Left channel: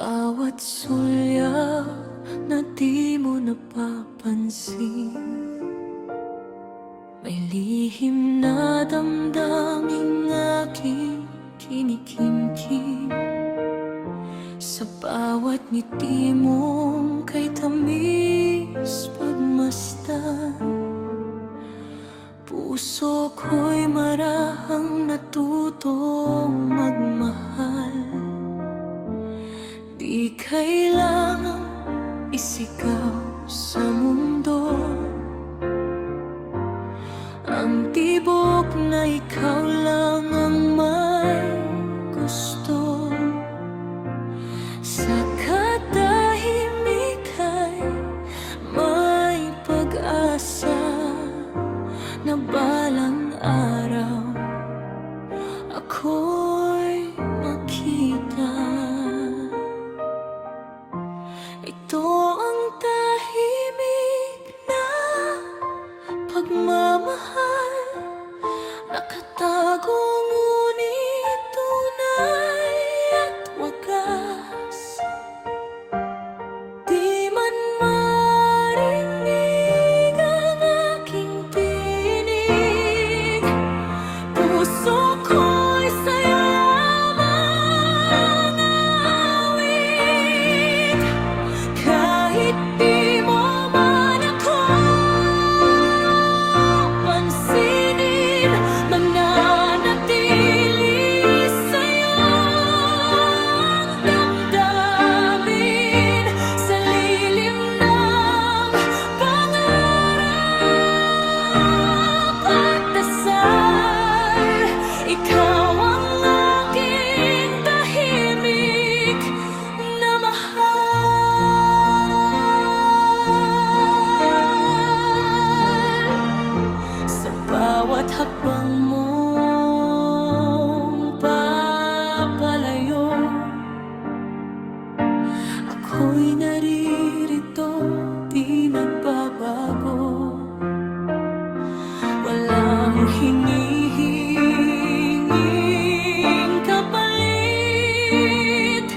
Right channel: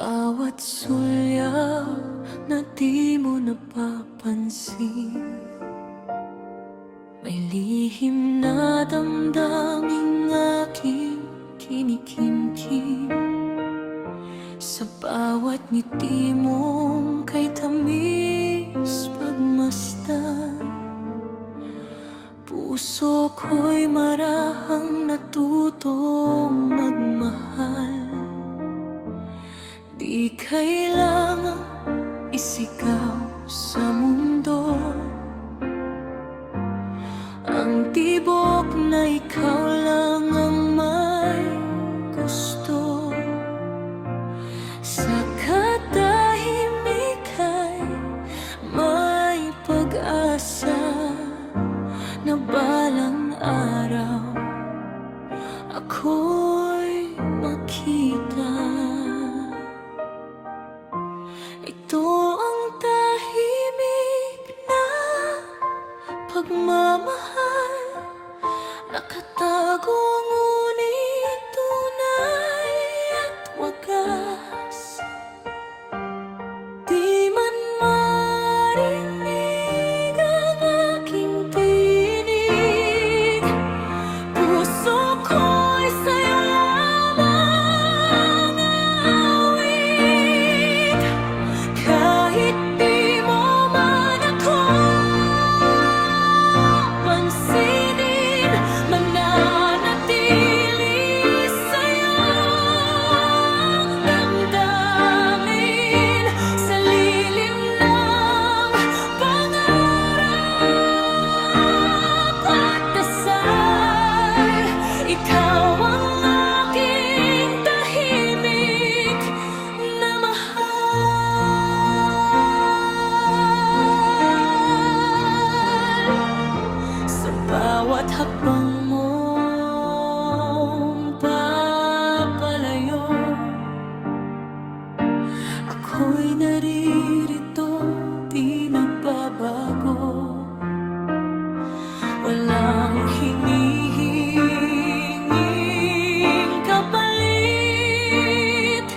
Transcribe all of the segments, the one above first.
bawat sulyap na di mo napapansin, may lihim na damdaming aking kinikimkim. Sa bawat ngiti mong kay tamis pagmasdan, puso ko'y marahang natutong magmahal. Di kailangang isigaw sa mundo ang tibok na ikaw lang ang may gusto. Sa katahimik ay may pag-asa na balang araw ako'y makita. Ito ang tahimik na pagmamahal, nakatago ngunit tunay at wagas. Di man marinig ang aking tinig, puso ko'y sa'yo lamang aawit. Kahit di mo man ako pansinin, mananatili sa'yo ang damdamin. Sa lilim ng pangarap at dasal, ikaw ang aking tahimik na mahal. Sa bawat hakbang mong papalayo, ako'y naririto, di nagbabago. Walang hinihinging kapalit,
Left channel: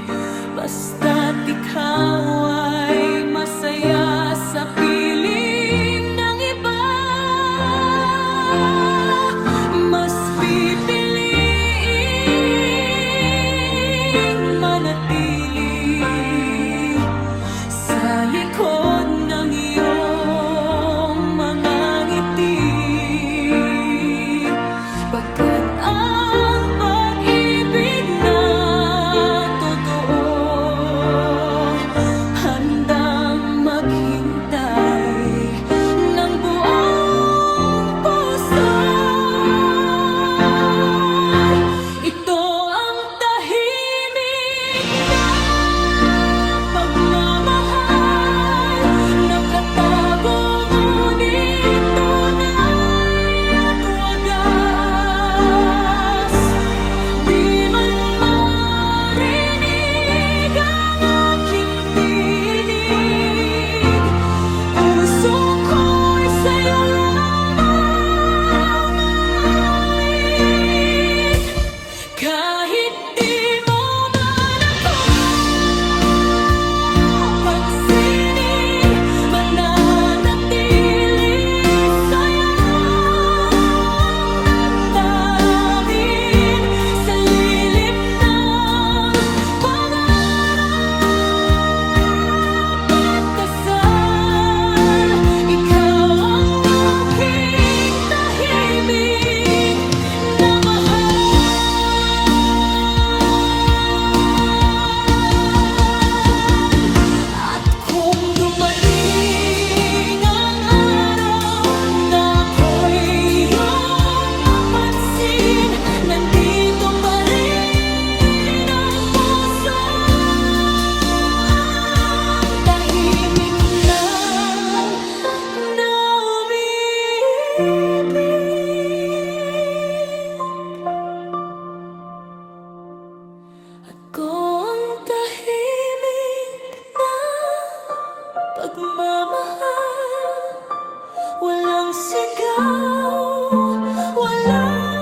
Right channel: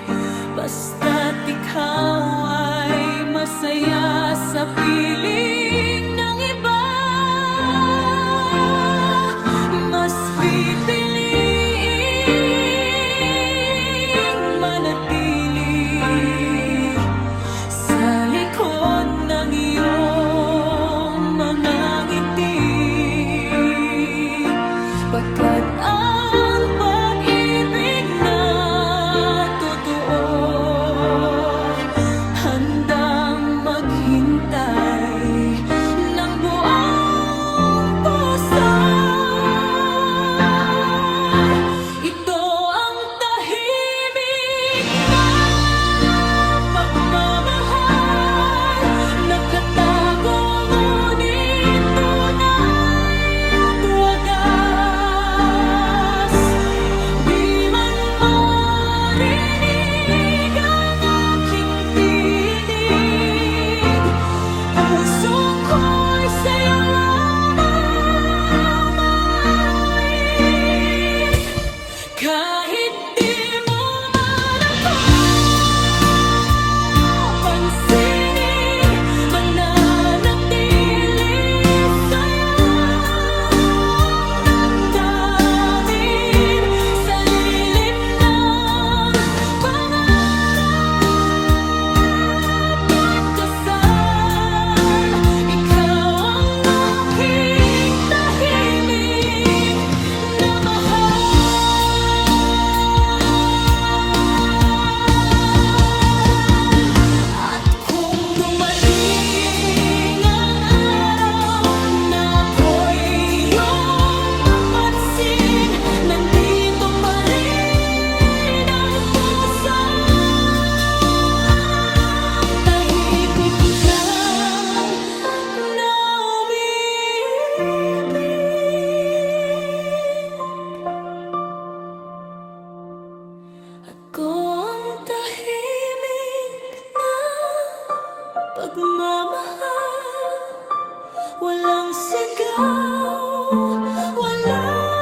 basta't ikaw ay masaya sa piling ng iba. Mas pipiliing manatili sa likod ng iyong mga ngiti, pagkat ang pag-ibig na totoo handang maghintay ng buong puso. Ito ang tahimik na pagmamahal, nakatago ngunit tunay at wagas. Di man marinig ang aking tinig, puso ko'y sa'yo lamang aawit. Kahit di mo man ako pansinin, mananatili sa'yo ang damdamin. Sa lilim ng pangarap at dasal, ikaw ang aking tahimik na mahal. At kung dumating ang araw na ako'y iyong mapansin, nandito pa rin ang puso, tahimik lang na umiibig. Ako ang tahimik na pagmamahal, walang sigaw, walang